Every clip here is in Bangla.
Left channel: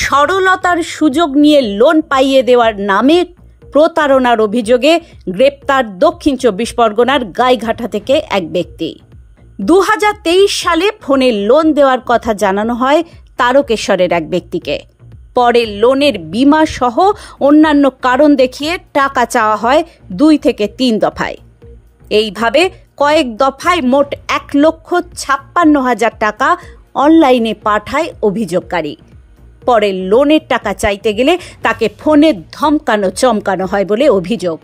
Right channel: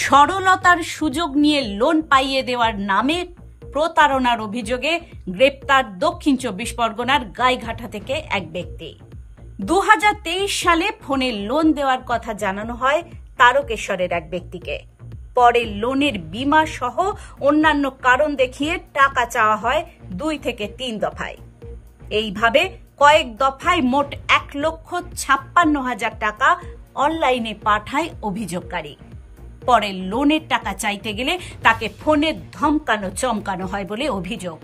সরলতার সুযোগ নিয়ে লোন পাইয়ে দেওয়ার নামে প্রতারণার অভিযোগে গ্রেপ্তার দক্ষিণ ২৪ পরগনার গাইঘাটা থেকে এক ব্যক্তি। ২০২৩ সালে ফোনে লোন দেওয়ার কথা জানানো হয় তারকেশ্বরের এক ব্যক্তিকে। পরে লোনের বীমা সহ অন্যান্য কারণ দেখিয়ে টাকা চাওয়া হয় ২ থেকে ৩ দফায়। এইভাবে কয়েক দফায় মোট ১,৫৬,০০০ টাকা অনলাইনে পাঠায় অভিযোগকারী। পরে লোনের টাকা চাইতে গেলে তাকে ফোনে ধমকানো চমকানো হয় বলে অভিযোগ।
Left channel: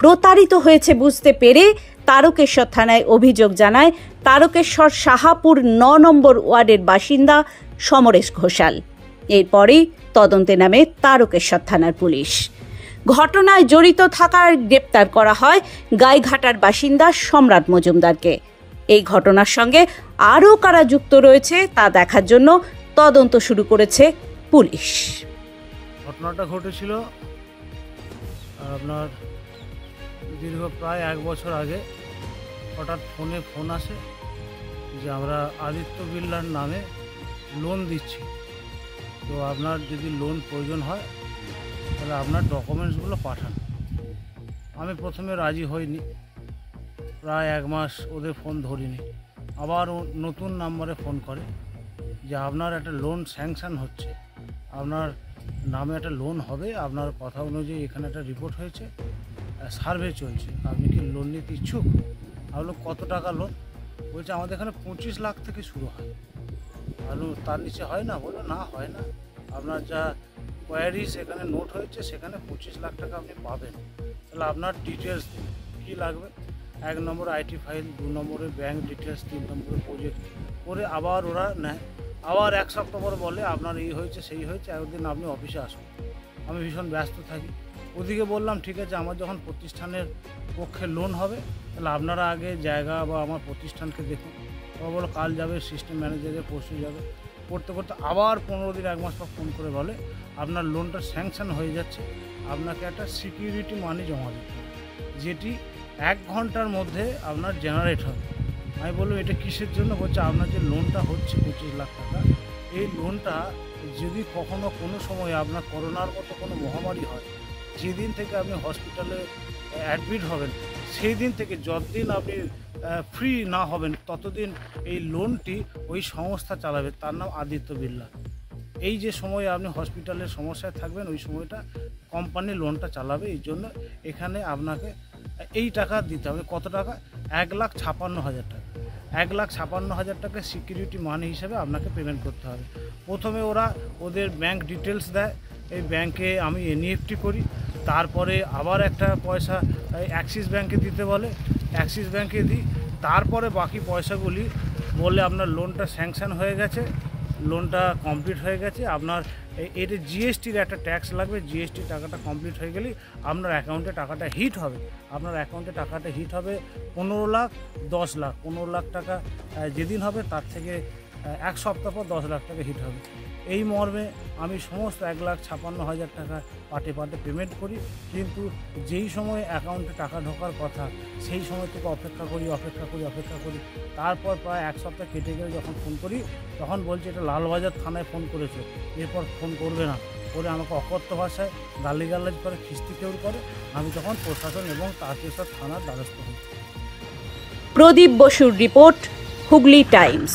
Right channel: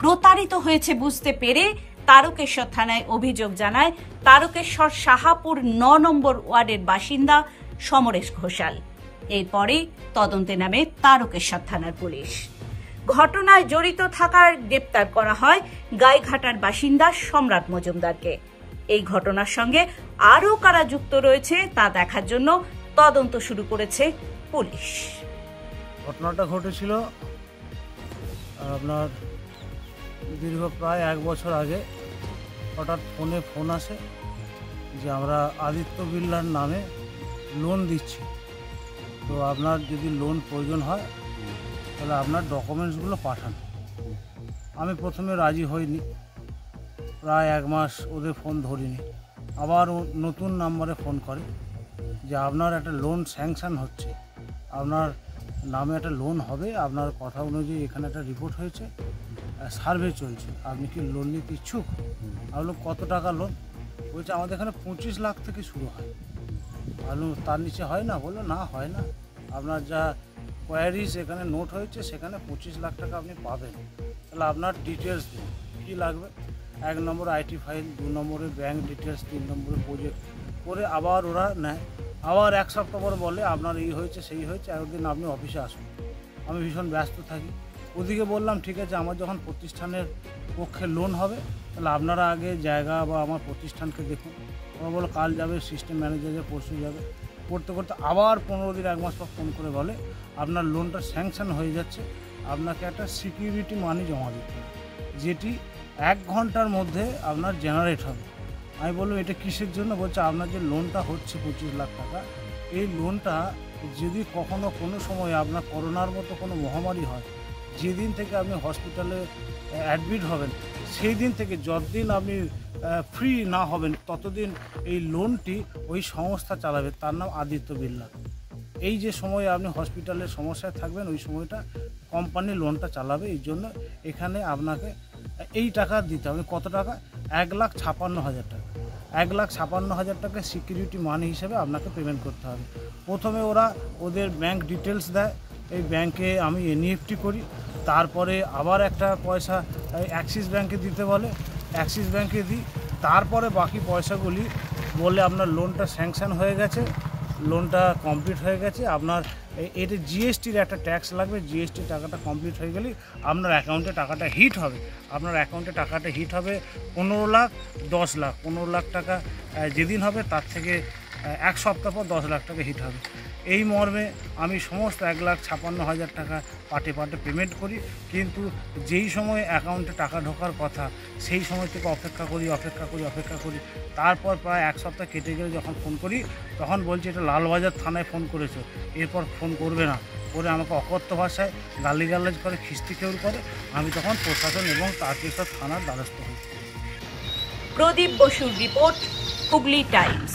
প্রতারিত হয়েছে বুঝতে পেরে তারকেশ্বর থানায় অভিযোগ জানায় তারকেশ্বর শাহাপুর ৯ নম্বর ওয়ার্ডের বাসিন্দা সমরেশ ঘোষাল। এরপরেই তদন্তে নামে তারকেশ্বর থানার পুলিশ। ঘটনায় জড়িত থাকার গ্রেপ্তার করা হয় গাইঘাটার বাসিন্দা সম্রাট মজুমদারকে। এই ঘটনার সঙ্গে আরও কারা যুক্ত রয়েছে তা দেখার জন্য তদন্ত শুরু করেছে পুলিশ। ঘটনাটা ঘটেছিল আপনার দীর্ঘ প্রায় ১ বছর আগে। হঠাৎ ফোন আসে যে আমরা আদিত্য বিড়লার নামে লোন দিচ্ছি, তো আপনার যদি লোন প্রয়োজন হয় তাহলে আপনার ডকুমেন্টসগুলো পাঠান। আমি প্রথমে রাজি হইনি, প্রায় ১ মাস ওদের ফোন ধরিনি। আবার নতুন নাম্বারে ফোন করে যে আপনার একটা লোন স্যাংশন হচ্ছে, আপনার নামে একটা লোন হবে, আপনার কথা অনুযায়ী এখানে একটা রিপোর্ট হয়েছে, সার্ভে চলছে, আপনি কি লোন নিতে ইচ্ছুক? আপনি কত টাকা লোন? বলছে আমাদের এখানে ২৫ লাখ থেকে শুরু হয়। আপনি তার নিচে হয় না? বললো না, হয় না। আপনার যা কোয়ারিজ এখানে নোট হয়েছে সেখানে ২৫ লাখ টাকা আপনি পাবেন। তাহলে আপনার ডিটেলস দিন, কী লাগবে? ১ নম্বর আইটি ফাইল, ২ নম্বরে ব্যাঙ্ক ডিটেলস, ৩ নম্বরে প্রজেক্ট করে আবার ওরা নেয়। আবার ১ সপ্তাহ পরে বলে আপনার এই হয়েছে সেই হয়েছে, একদিন আপনি অফিসে আসুন। আমি ভীষণ ব্যস্ত থাকি। ওদিকে বললাম ঠিক আছে, আমার যখন প্রতিষ্ঠানের পক্ষে লোন হবে তাহলে আপনারা আগে জায়গা বা আমার প্রতিষ্ঠানকে দেখুন। ওরা বলো কাল যাবে, সিস্টেম ম্যানেজারে পরশু যাবে। করতে করতে আবার ১৫ দিন ১ মাস পর ফোন করে বলে আপনার লোনটা স্যাংশন হয়ে যাচ্ছে, আপনাকে একটা সিকিউরিটি মানি জমা দিতে হবে, যেটি ১ ঘন্টার মধ্যে আপনার জেনারেট হবে। আমি বললাম এটা কিসের জন্য? বলছে আপনার যে লোনটা হচ্ছে ২৫ লাখ টাকা, এই লোনটা যদি কখনো কোনো সময় আপনার করোনার মতো কোনো মহামারী হয়, যেদিন থেকে আপনি হসপিটালে অ্যাডমিট হবেন সেই দিন থেকে যতদিন আপনি ফ্রি না হবেন ততদিন এই লোনটি ওই সংস্থা চালাবে, তার নাম আদিত্য বিড়লা। এই যে সময় আপনি হসপিটালের সমস্যায় থাকবেন ওই সময়টা কোম্পানি লোনটা চালাবে। এই জন্য এখানে আপনাকে এই টাকা দিতে হবে। কত টাকা? ১,৫৬,০০০ টাকা। ১,৫৬,০০০ টাকা সিকিউরিটি মানি হিসেবে আপনাকে পেমেন্ট করতে হবে। প্রথমে ওরা ওদের ব্যাঙ্ক ডিটেলস দেয়, এই ব্যাংকে আমি এনইএফটি করি, তারপরে আবার একটা পয়সা অ্যাক্সিস ব্যাংকে দিতে বলে, অ্যাক্সিস ব্যাংকে দিই, তারপরে বাকি পয়সাগুলি বলে আপনার লোনটা স্যাংশন হয়ে গেছে, লোনটা কমপ্লিট হয়ে গেছে। আপনার এটা জিএসটির একটা ট্যাক্স লাগবে, জিএসটি টাকাটা কমপ্লিট হয়ে গেলেই আপনার অ্যাকাউন্টে টাকাটা হিট হবে। আপনার অ্যাকাউন্টে টাকাটা হিট হবে ১৫ লাখ, ১০ লাখ। ১৫ লাখ টাকা যেদিন হবে তার থেকে ১ সপ্তাহ পর ১০ লাখ টাকা হিট হবে। এই মর্মে আমি সমস্ত ১,৫৬,০০০ টাকা পাটে পেমেন্ট করি, কিন্তু যেই সময় অ্যাকাউন্টে টাকা ঢোকার কথা সেই সময় থেকে অপেক্ষা করি। তারপর প্রায় ১ সপ্তাহ কেটে গেলে যখন ফোন করি তখন বলছে এটা লালবাজার থানায় ফোন করেছো, এরপর ফোন করবে না। করে আমাকে অকথ্য ভাষায় গালিগালাজ করে, খিস্তি খেউর করে। আমি তখন প্রশাসন এবং তারকেশ্বর থানার দ্বারস্থ হই। প্রদীপ বসুর রিপোর্ট, হুগলি টাইমস।